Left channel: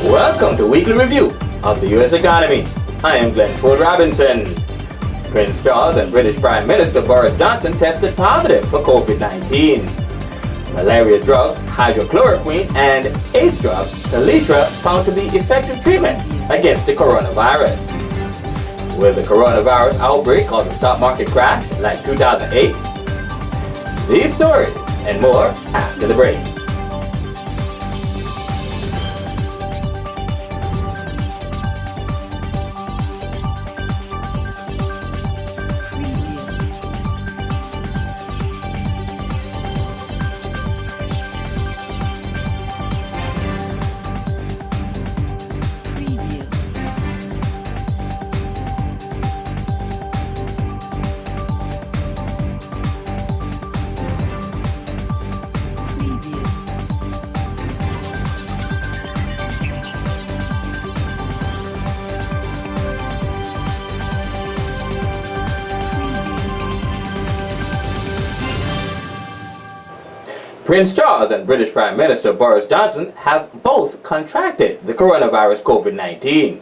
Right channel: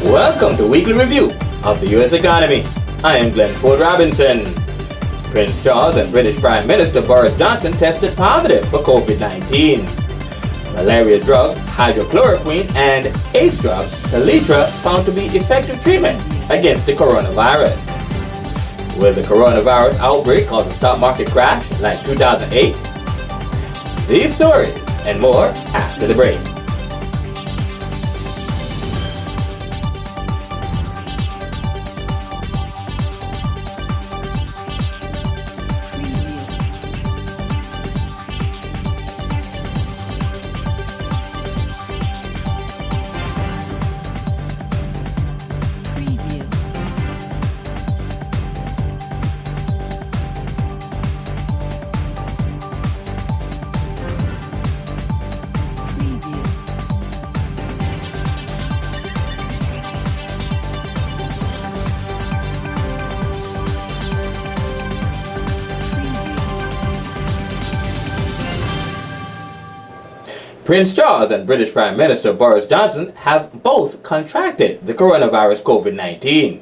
Welcome to Weekly Review of the U.S. Economy. I am Glenn Ford Robinson. Prince Charles and British Prime Minister Boris Johnson tested positive for COVID-19. Malaria drug, hydrochloroquine, and AIDS drug, Kaletra, found to be effective treatment against the coronavirus. Will the coronavirus outbreak cause a stock market crash like 2008? These stories and more after the break. Prince Charles and British Prime Minister Boris Johnson have both contracted the coronavirus COVID-19.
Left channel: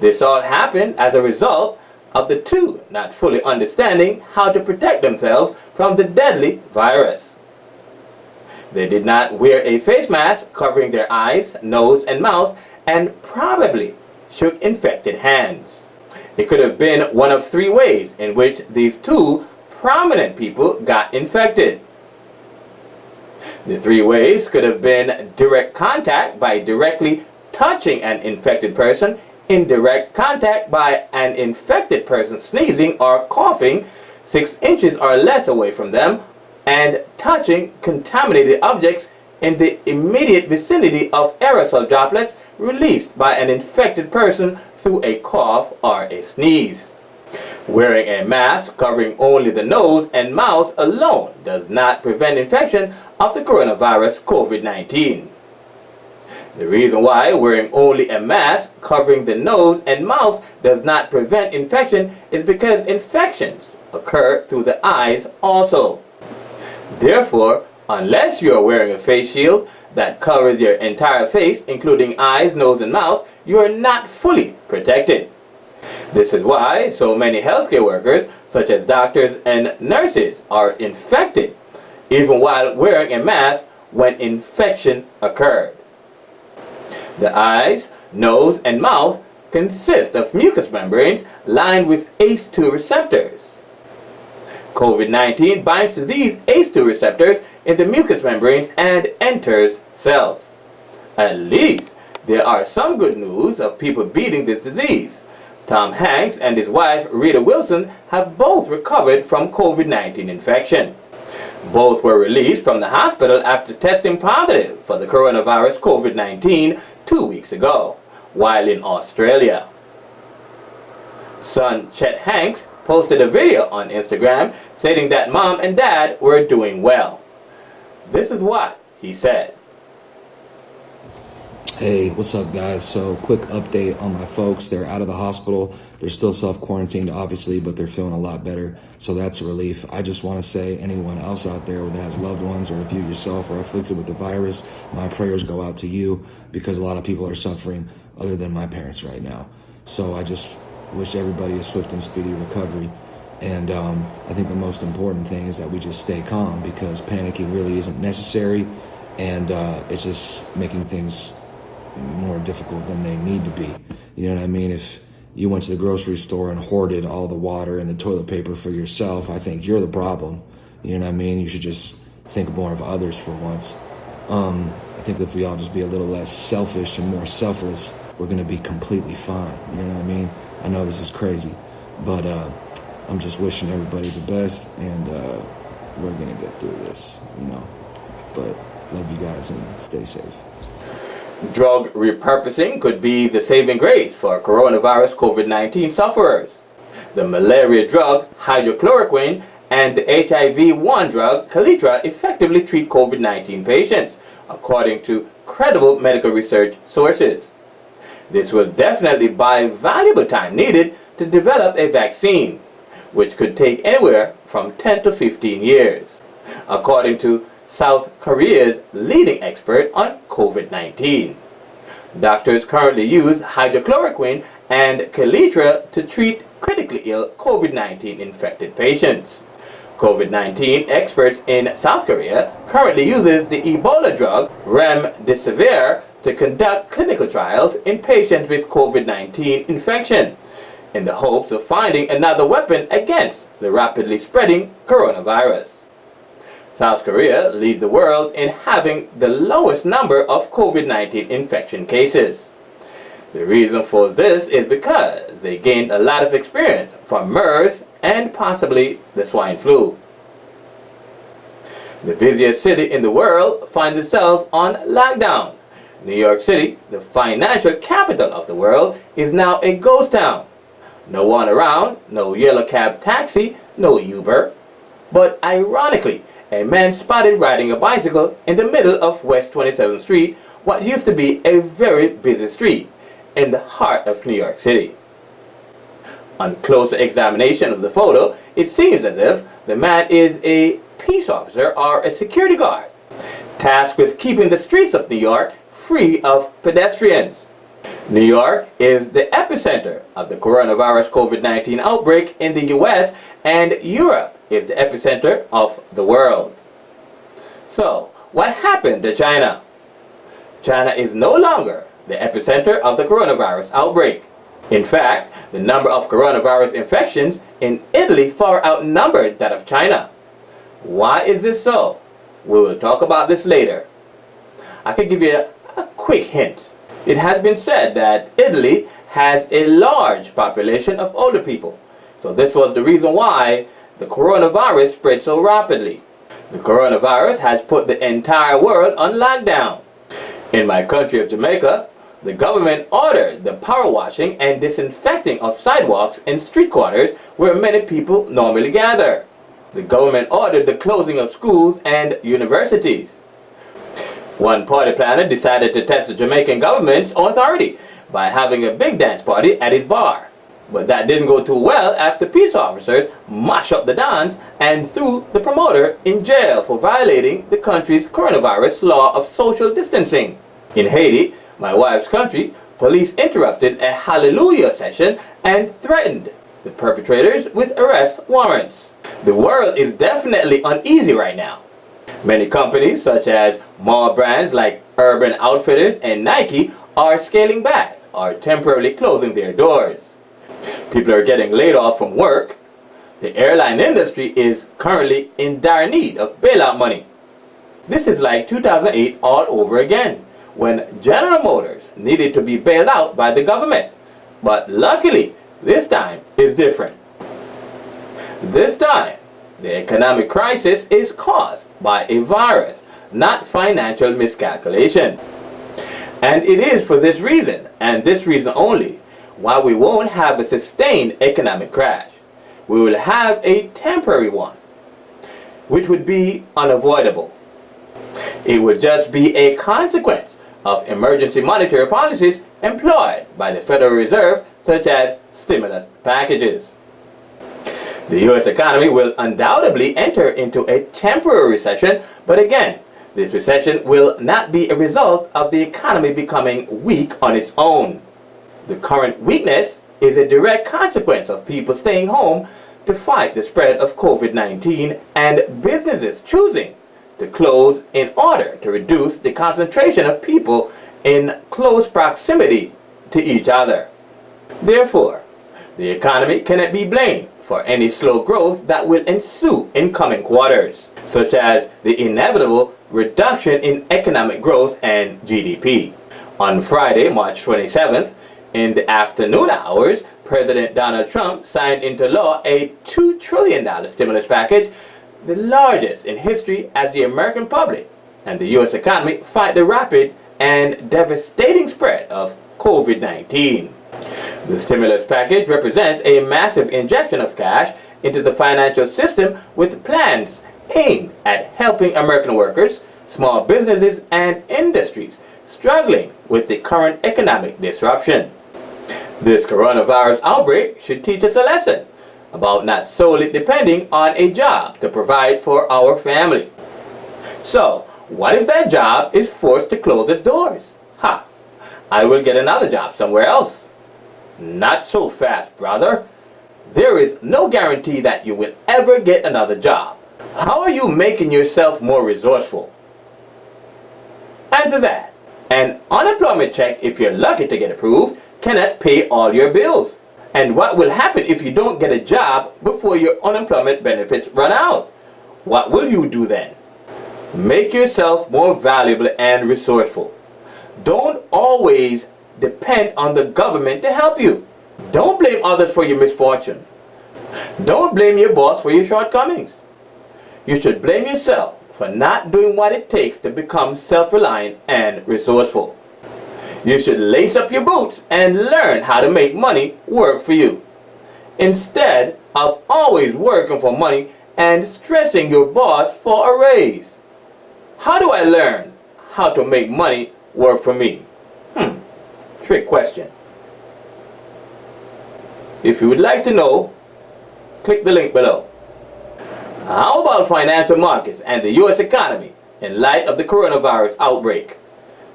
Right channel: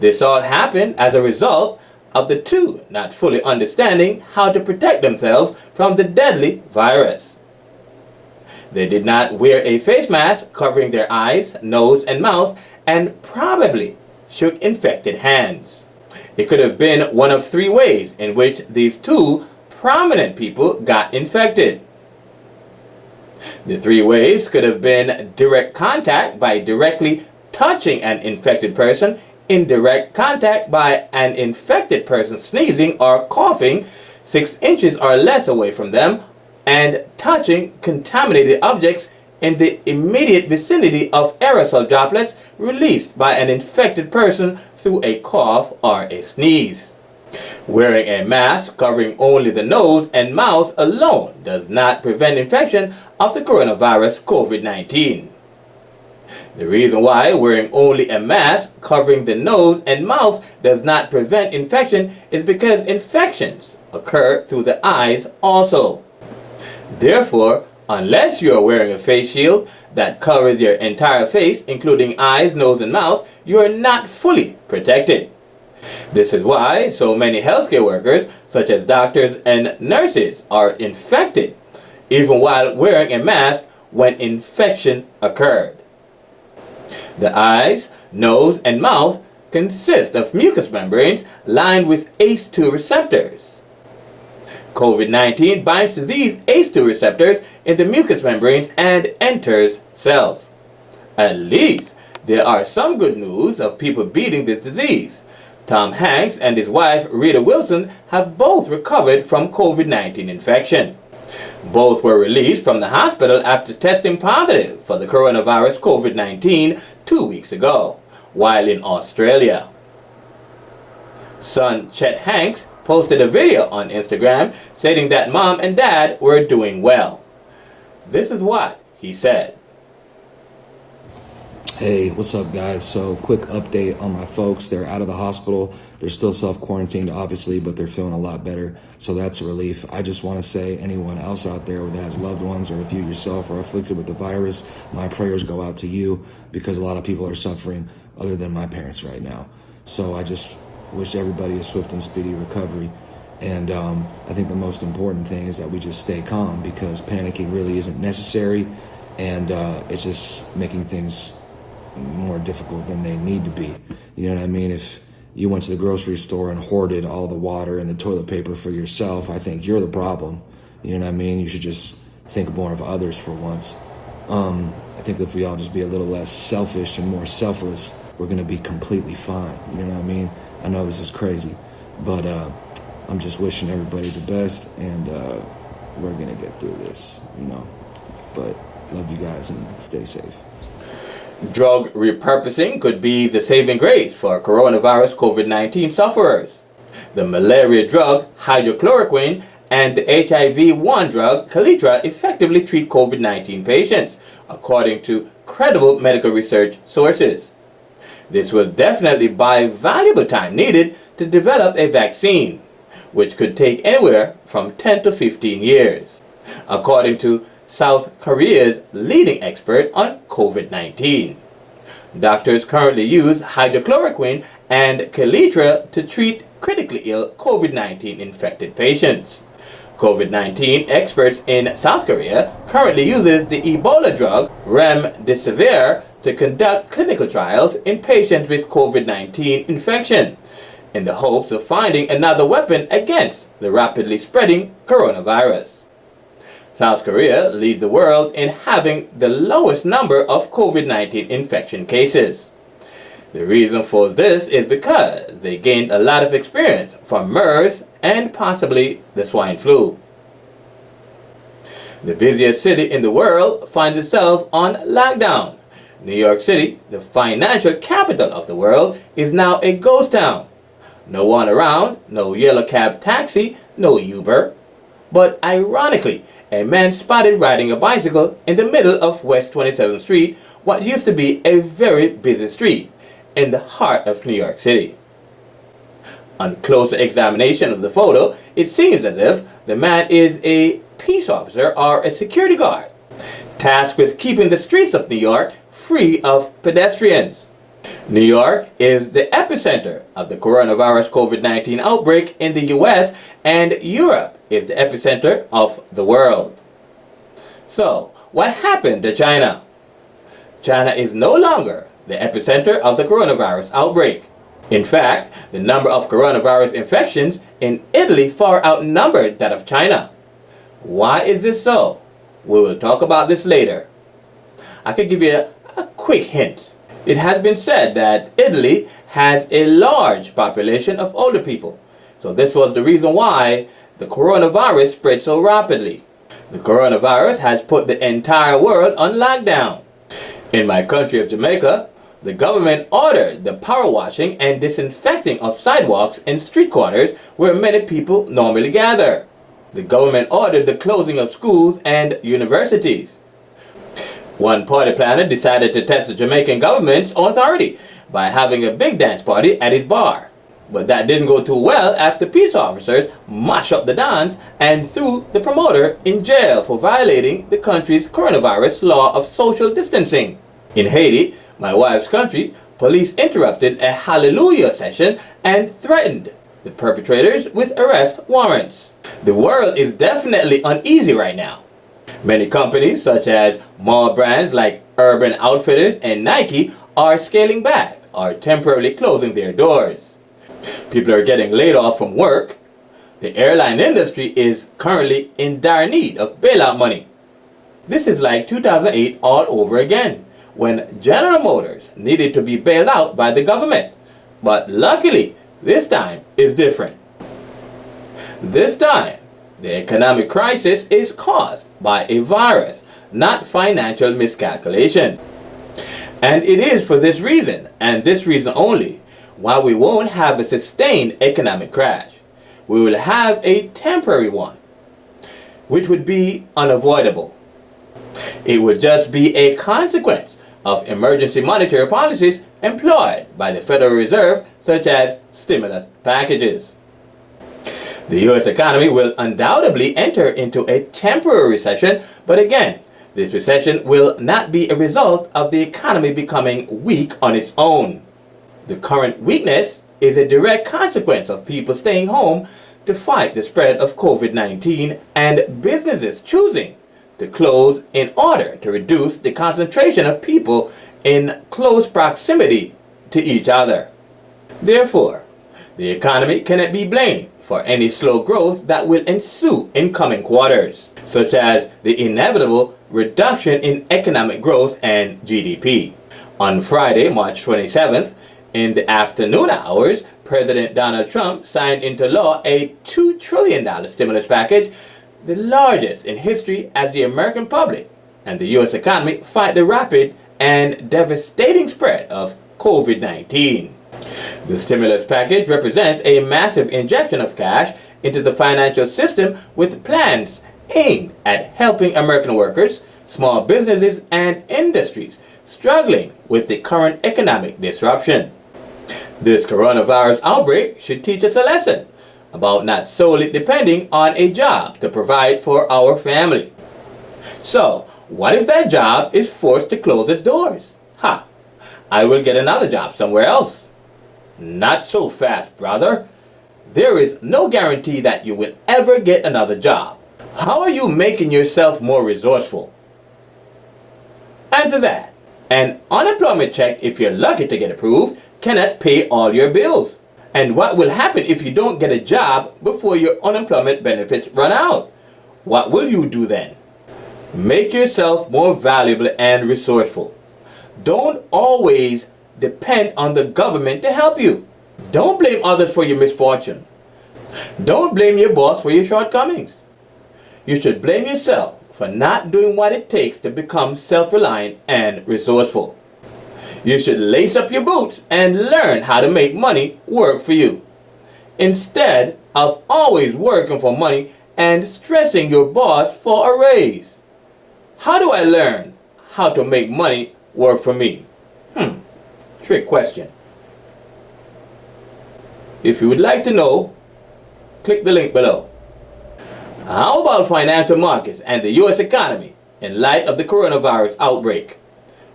This all happened as a result of the two not fully understanding how to protect themselves from the deadly virus. They did not wear a face mask covering their eyes, nose, and mouth, and probably shook infected hands. It could have been one of three ways in which these two prominent people got infected. The three ways could have been direct contact by directly touching an infected person, indirect contact by an infected person sneezing or coughing 6 inches or less away from them, and touching contaminated objects in the immediate vicinity of aerosol droplets released by an infected person through a cough or a sneeze. Wearing a mask covering only the nose and mouth alone does not prevent infection of the coronavirus COVID-19. The reason why wearing only a mask covering the nose and mouth does not prevent infection is because infections occur through the eyes also. Therefore, unless you are wearing a face shield that covers your entire face, including eyes, nose, and mouth, you are not fully protected. This is why so many healthcare workers, such as doctors and nurses, are infected, even while wearing a mask when infection occurred. The eyes, nose, and mouth consist of mucous membranes lined with ACE2 receptors. COVID-19 binds to these ACE2 receptors in the mucous membranes and enters cells. At least there are some good news of people beating this disease. Tom Hanks and his wife Rita Wilson have both recovered from COVID-19 infection. Both were released from the hospital after testing positive for the coronavirus COVID-19 2 weeks ago, while in Australia. Son Chet Hanks posted a video on Instagram stating that mom and dad were doing well. This is what he said. Hey, what's up, guys? So, quick update on my folks. They're out of the hospital. They're still self-quarantined, obviously, but they're feeling a lot better. So that's a relief. I just want to say, anyone else out there that has loved ones, or if you yourself are afflicted with the virus, my prayers go out to you, because a lot of people are suffering other than my parents right now. So I just wish everybody a swift and speedy recovery. And I think the most important thing is that we just stay calm, because panicking really isn't necessary, and it's just making things more difficult than they need to be. You know what I mean? If you went to the grocery store and hoarded all the water and the toilet paper for yourself, I think you're the problem. You know what I mean? You should just think more of others for once. I think if we all just be a little less selfish and more selfless, we're going to be completely fine. You know what I mean? I know this is crazy, but I'm just wishing everybody the best, and we're gonna get through this, but love you guys and stay safe. Drug repurposing could be the saving grace for coronavirus COVID-19 sufferers. The malaria drug hydrochloroquine and the HIV-1 drug Kaletra effectively treat COVID-19 patients, according to credible medical research sources. This will definitely buy valuable time needed to develop a vaccine, which could take anywhere from 10 to 15 years, according to South Korea's leading expert on COVID-19. Doctors currently use hydrochloroquine and Kaletra to treat critically ill COVID-19 infected patients. COVID-19 experts in South Korea currently uses the Ebola drug remdesivir to conduct clinical trials in patients with COVID-19 infection, in the hopes of finding another weapon against the rapidly spreading coronavirus. South Korea leads the world in having the lowest number of COVID-19 infection cases. The reason for this is because they gained a lot of experience from MERS and possibly the swine flu. The busiest city in the world finds itself on lockdown. New York City, the financial capital of the world, is now a ghost town. No one around, no yellow cab taxi, no Uber. But ironically, a man spotted riding a bicycle in the middle of West 27th Street, what used to be a very busy street in the heart of New York City. On closer examination of the photo, it seems as if the man is a peace officer or a security guard, tasked with keeping the streets of New York free of pedestrians. New York is the epicenter of the coronavirus COVID-19 outbreak in the US, and Europe is the epicenter of the world. So, what happened to China? China is no longer the epicenter of the coronavirus outbreak. In fact, the number of coronavirus infections in Italy far outnumbered that of China. Why is this so? We will talk about this later. I could give you a quick hint. It has been said that Italy has a large population of older people. So this was the reason why the coronavirus spread so rapidly. The coronavirus has put the entire world on lockdown. In my country of Jamaica, the government ordered the power washing and disinfecting of sidewalks and street corners where many people normally gather. The government ordered the closing of schools and universities. One party planner decided to test the Jamaican government's authority by having a big dance party at his bar. But that didn't go too well after peace officers mashed up the dance and threw the promoter in jail for violating the country's coronavirus law of social distancing. In Haiti, my wife's country, police interrupted a hallelujah session and threatened the perpetrators with arrest warrants. The world is definitely uneasy right now. Many companies such as mall brands like Urban Outfitters and Nike are scaling back or temporarily closing their doors. People are getting laid off from work. The airline industry is currently in dire need of bailout money. This is like 2008 all over again, when General Motors needed to be bailed out by the government. But luckily, this time is different. This time, the economic crisis is caused by a virus, not financial miscalculation. And it is for this reason, and this reason only, why we won't have a sustained economic crash. We will have a temporary one, which would be unavoidable. It would just be a consequence of emergency monetary policies employed by the Federal Reserve, such as stimulus packages. The U.S. economy will undoubtedly enter into a temporary recession, but again, this recession will not be a result of the economy becoming weak on its own. The current weakness is a direct consequence of people staying home to fight the spread of COVID-19 and businesses choosing to close in order to reduce the concentration of people in close proximity to each other. Therefore, the economy cannot be blamed for any slow growth that will ensue in coming quarters, such as the inevitable reduction in economic growth and GDP. On Friday, March 27th, in the afternoon hours, President Donald Trump signed into law a $2 trillion stimulus package, the largest in history, as the American public and the U.S. economy fight the rapid and devastating spread of COVID-19. The stimulus package represents a massive injection of cash into the financial system with plans aimed at helping American workers, small businesses, and industries struggling with the current economic disruption. This coronavirus outbreak should teach us a lesson about not solely depending on a job to provide for our family. So, what if that job is forced to close its doors? I will get another job somewhere else. Not so fast, brother. There is no guarantee that you will ever get another job. How are you making yourself more resourceful? Answer that. An unemployment check, if you're lucky to get approved, cannot pay all your bills. And what will happen if you don't get a job before your unemployment benefits run out? What will you do then? Make yourself more valuable and resourceful. Don't always depend on the government to help you. Don't blame others for your misfortune. Don't blame your boss for your shortcomings. You should blame yourself for not doing what it takes to become self-reliant and resourceful. You should lace up your boots and learn how to make money work for you, instead of always working for money and stressing your boss for a raise. How do I learn how to make money work for me? Trick question. If you would like to know, click the link below. How about financial markets and the U.S. economy in light of the coronavirus outbreak?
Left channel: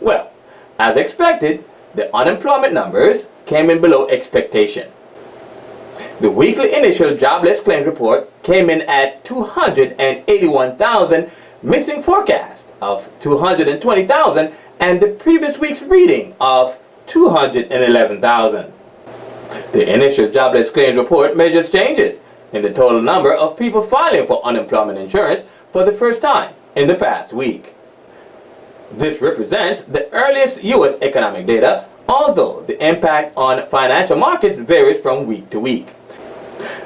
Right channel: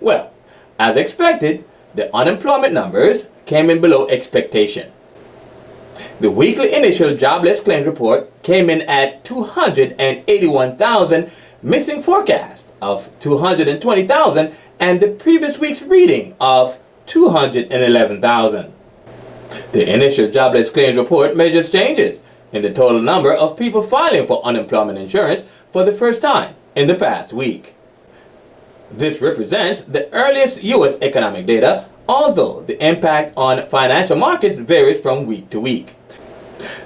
Well, as expected, the unemployment numbers came in below expectation. The weekly initial jobless claims report came in at 281,000, missing forecast of 220,000 and the previous week's reading of 211,000. The initial jobless claims report measures changes in the total number of people filing for unemployment insurance for the first time in the past week. This represents the earliest U.S. economic data, although the impact on financial markets varies from week to week.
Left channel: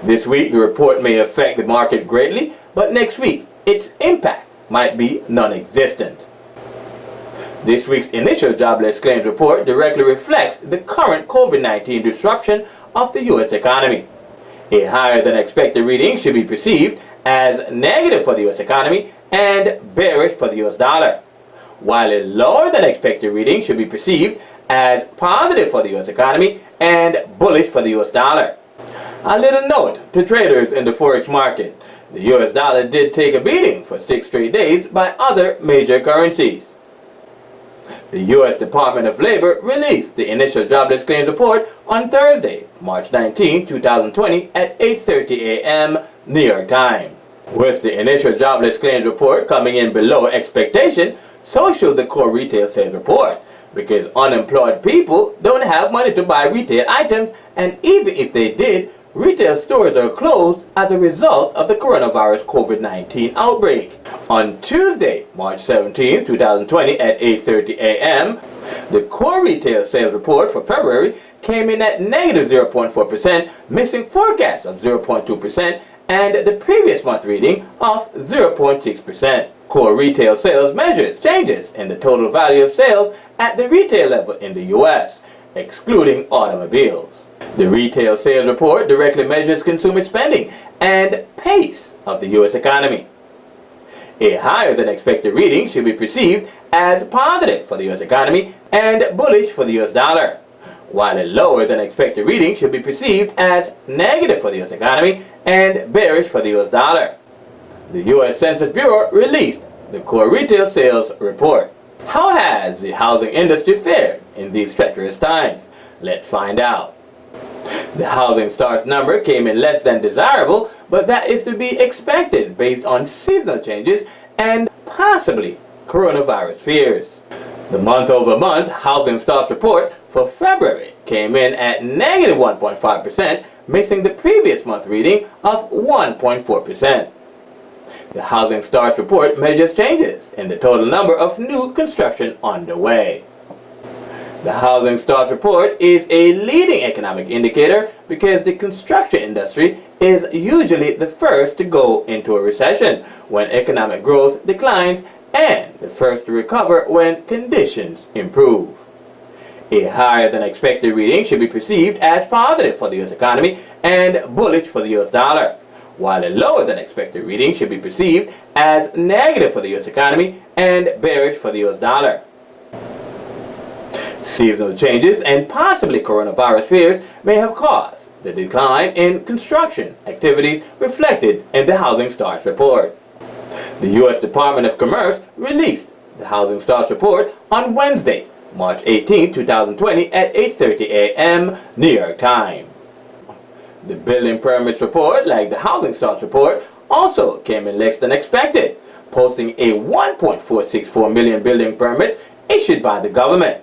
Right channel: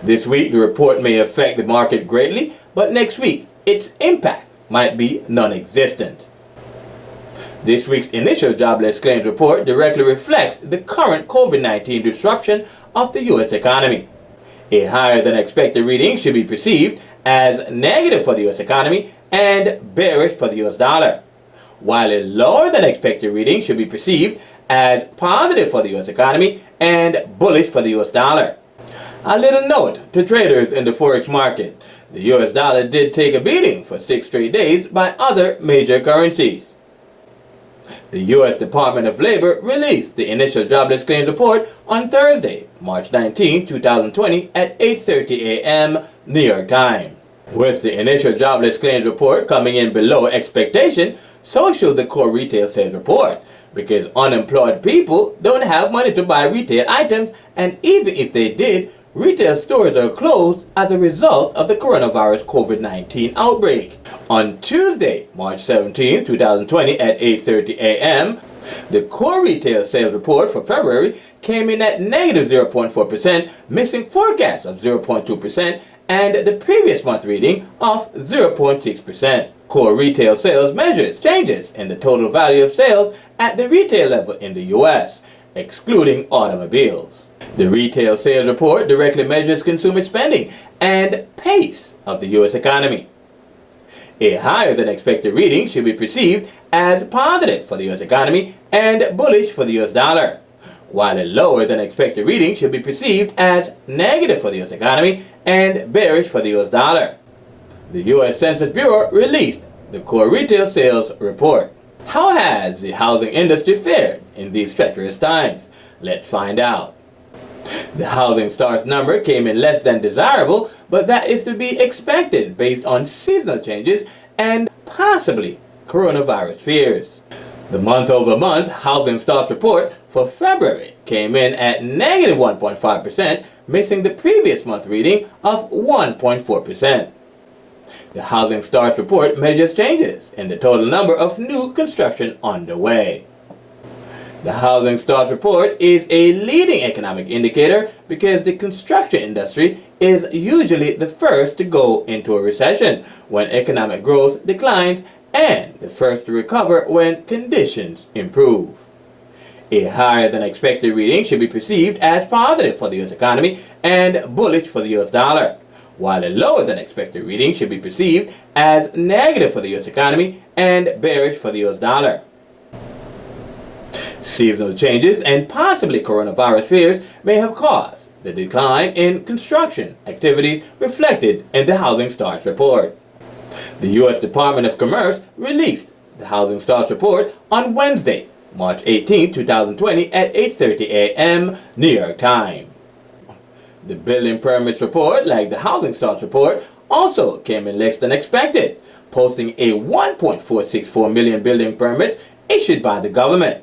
This week the report may affect the market greatly, but next week its impact might be non-existent. This week's initial jobless claims report directly reflects the current COVID-19 disruption of the U.S. economy. A higher than expected reading should be perceived as negative for the U.S. economy and bearish for the U.S. dollar, while a lower than expected reading should be perceived as positive for the U.S. economy and bullish for the U.S. dollar. A little note to traders in the forex market: the U.S. dollar did take a beating for 6 straight days by other major currencies. The U.S. Department of Labor released the initial jobless claims report on Thursday, March 19, 2020 at 8:30 a.m. New York time. With the initial jobless claims report coming in below expectation, so should the core retail sales report, because unemployed people don't have money to buy retail items, and even if they did, retail stores are closed as a result of the coronavirus COVID-19 outbreak. On Tuesday, March 17, 2020 at 8:30 a.m., the core retail sales report for February came in at negative 0.4%, missing forecast of 0.2% and the previous month reading of 0.6%. Core retail sales measures changes in the total value of sales at the retail level in the U.S., excluding automobiles. The retail sales report directly measures consumer spending and pace of the U.S. economy. A higher than expected reading should be perceived as positive for the U.S. economy and bullish for the U.S. dollar, while a lower than expected reading should be perceived as negative for the U.S. economy and bearish for the U.S. dollar. The U.S. Census Bureau released the core retail sales report. How has the housing industry fared in these treacherous times? Let's find out. The housing starts number came in less than desirable, but that is to be expected based on seasonal changes and possibly coronavirus fears. The month-over-month housing starts report for February came in at negative 1.5%, missing the previous month reading of 1.4%. The housing starts report measures changes in the total number of new construction underway. The housing starts report is a leading economic indicator because the construction industry is usually the first to go into a recession when economic growth declines and the first to recover when conditions improve. A higher than expected reading should be perceived as positive for the U.S. economy and bullish for the U.S. dollar, while a lower than expected reading should be perceived as negative for the U.S. economy and bearish for the U.S. dollar. Seasonal changes and possibly coronavirus fears may have caused the decline in construction activities reflected in the housing starts report. The U.S. Department of Commerce released the housing starts report on Wednesday, March 18, 2020 at 8:30 a.m. New York time. The building permits report, like the housing starts report, also came in less than expected, posting a 1.464 million building permits issued by the government,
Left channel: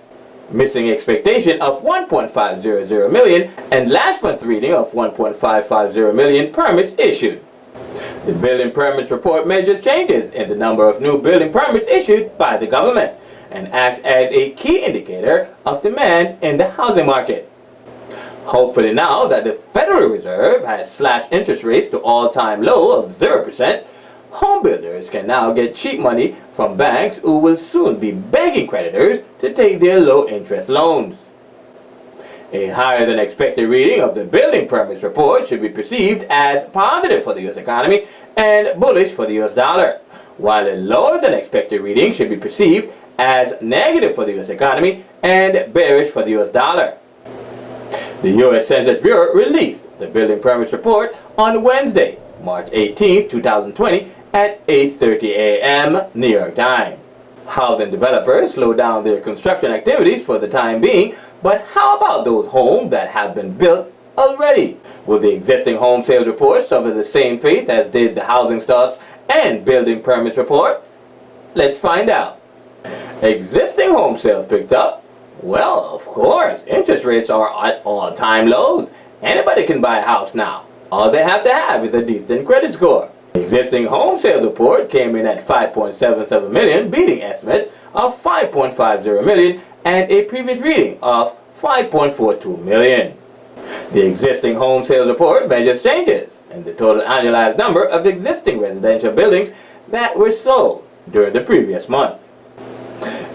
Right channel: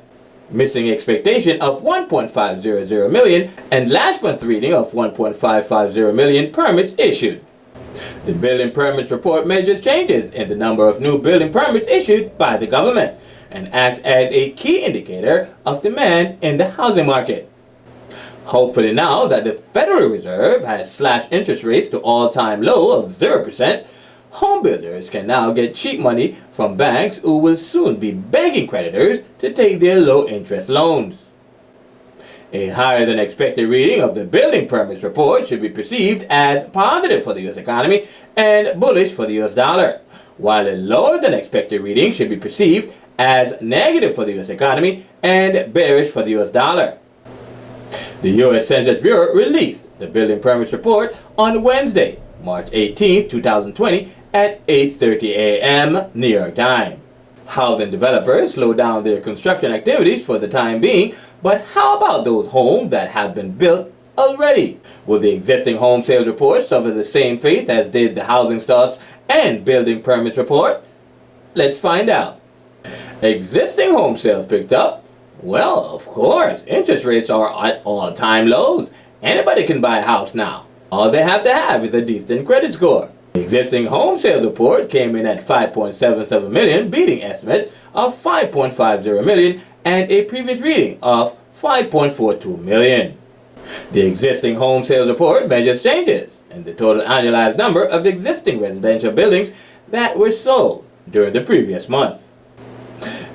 missing expectation of 1.500 million and last month's reading of 1.550 million permits issued. The building permits report measures changes in the number of new building permits issued by the government and acts as a key indicator of demand in the housing market. Hopefully now that the Federal Reserve has slashed interest rates to all-time low of 0%, home builders can now get cheap money from banks who will soon be begging creditors to take their low-interest loans. A higher than expected reading of the building permits report should be perceived as positive for the U.S. economy and bullish for the U.S. dollar, while a lower than expected reading should be perceived as negative for the U.S. economy and bearish for the U.S. dollar. The U.S. Census Bureau released the building permits report on Wednesday, March 18, 2020 at 8:30 a.m. New York time. Housing developers slowed down their construction activities for the time being, but how about those homes that have been built already? Will the existing home sales report suffer the same fate as did the housing starts and building permits report? Let's find out. Existing home sales picked up? Well, of course, interest rates are at all-time lows. Anybody can buy a house now. All they have to have is a decent credit score. The existing home sales report came in at 5.77 million, beating estimates of 5.50 million and a previous reading of 5.42 million. The existing home sales report measures changes in the total annualized number of existing residential buildings that were sold during the previous month.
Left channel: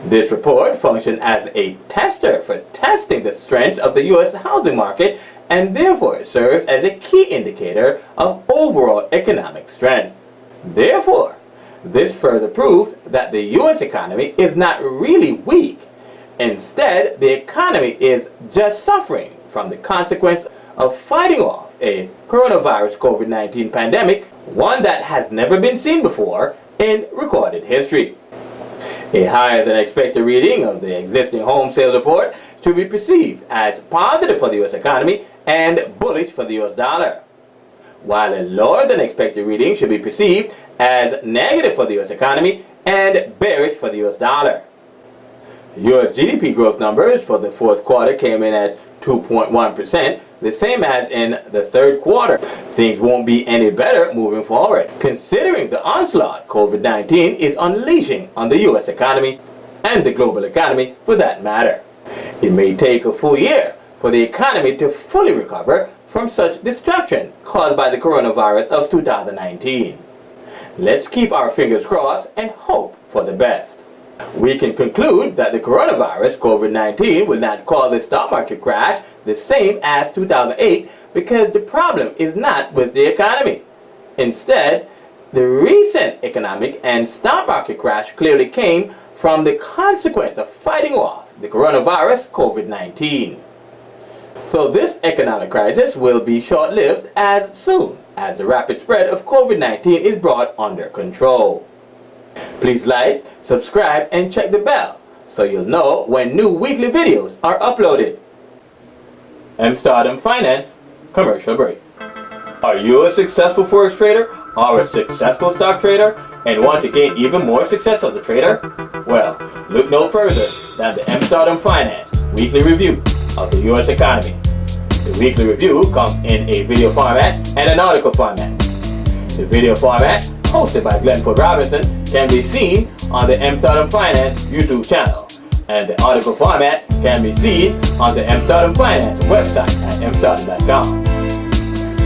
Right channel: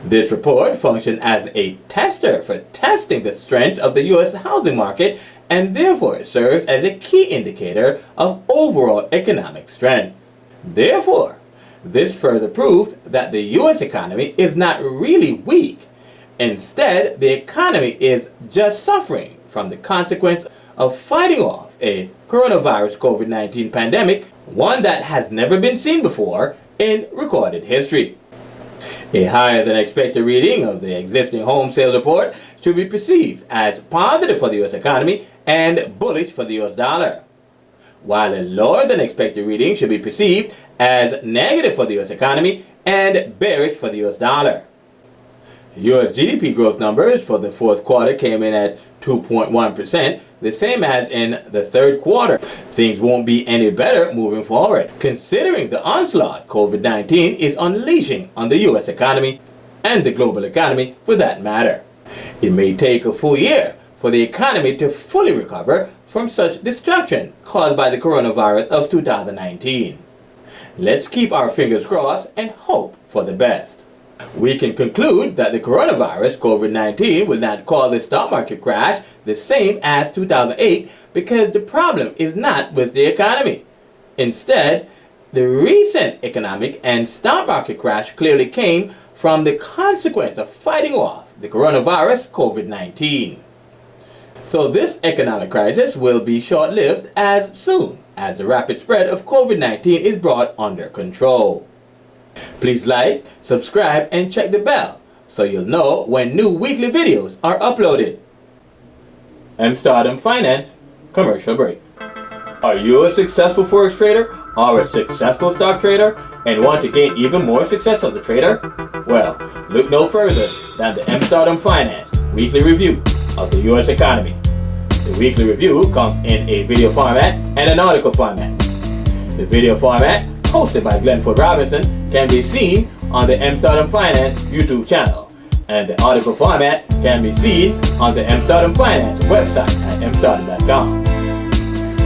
This report functions as a tester for testing the strength of the U.S. housing market and therefore serves as a key indicator of overall economic strength. Therefore, this further proves that the U.S. economy is not really weak. Instead, the economy is just suffering from the consequence of fighting off a coronavirus COVID-19 pandemic, one that has never been seen before in recorded history. A higher than expected reading of the existing home sales report should be perceived as positive for the U.S. economy and bullish for the U.S. dollar, while a lower than expected reading should be perceived as negative for the U.S. economy and bearish for the U.S. dollar. U.S. GDP growth numbers for the fourth quarter came in at 2.1%, the same as in the third quarter. Things won't be any better moving forward, considering the onslaught COVID-19 is unleashing on the U.S. economy and the global economy for that matter. It may take a full year for the economy to fully recover from such destruction caused by the coronavirus of 2019. Let's keep our fingers crossed and hope for the best. We can conclude that the coronavirus COVID-19 will not cause the stock market crash the same as 2008 because the problem is not with the economy. Instead, the recent economic and stock market crash clearly came from the consequence of fighting off the coronavirus COVID-19. So this economic crisis will be short-lived as soon as the rapid spread of COVID-19 is brought under control. Please like, subscribe, and check the bell so you'll know when new weekly videos are uploaded. Stardom Finance commercial break. Are you a successful forex trader or a successful stock trader and want to gain even more success as a trader? Well, look no further than the Stardom Finance weekly review of the U.S. economy. The weekly review comes in a video format and an article format. The video format, hosted by Glenford Robinson, can be seen on the Stardom Finance YouTube channel. and the article format can be seen on the Amsterdam Finance website at amsterdam.com.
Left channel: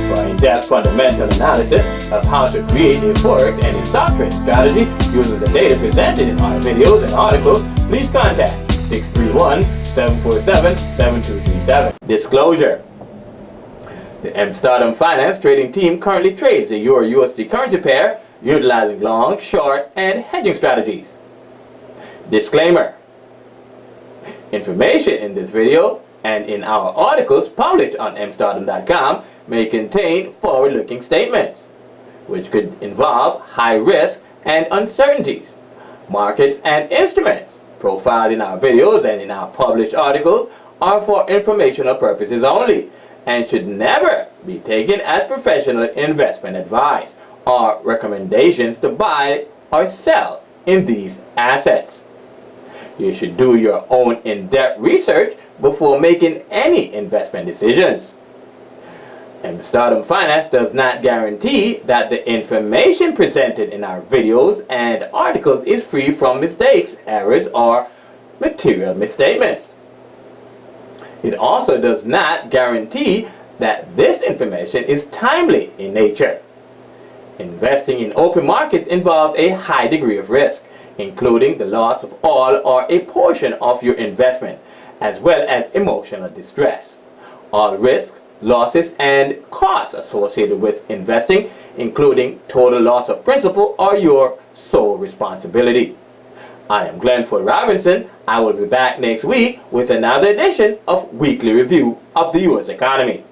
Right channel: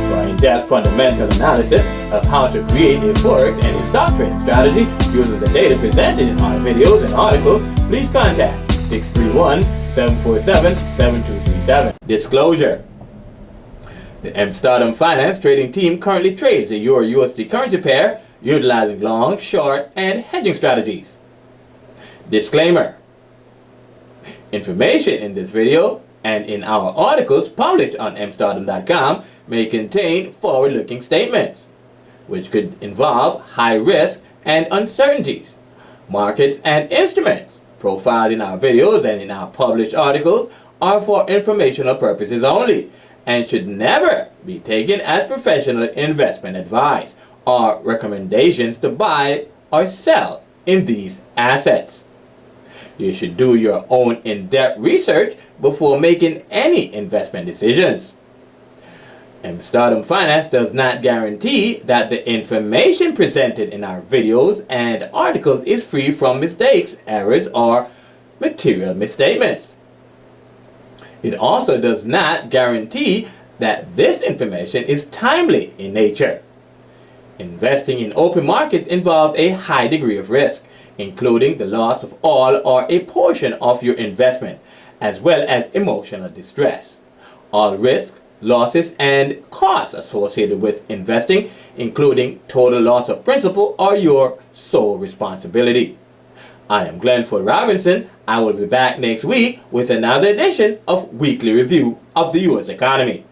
For in-depth fundamental analysis of how to create a forex and a stock trading strategy using the data presented in our videos and articles, please contact 631-747-7237. Disclosure. The Amsterdam Finance trading team currently trades the Euro-USD currency pair utilizing long, short, and hedging strategies. Disclaimer. Information in this video and in our articles published on amsterdam.com may contain forward-looking statements, which could involve high risk and uncertainties. Markets and instruments profiled in our videos and in our published articles are for informational purposes only and should never be taken as professional investment advice or recommendations to buy or sell in these assets. You should do your own in-depth research before making any investment decisions. Amsterdam Finance does not guarantee that the information presented in our videos and articles is free from mistakes, errors, or material misstatements. It also does not guarantee that this information is timely in nature. Investing in open markets involves a high degree of risk, including the loss of all or a portion of your investment, as well as emotional distress. All risks, losses, and costs associated with investing, including total loss of principal, are your sole responsibility. I am Glenford Robinson. I will be back next week with another edition of Weekly Review of the U.S. Economy.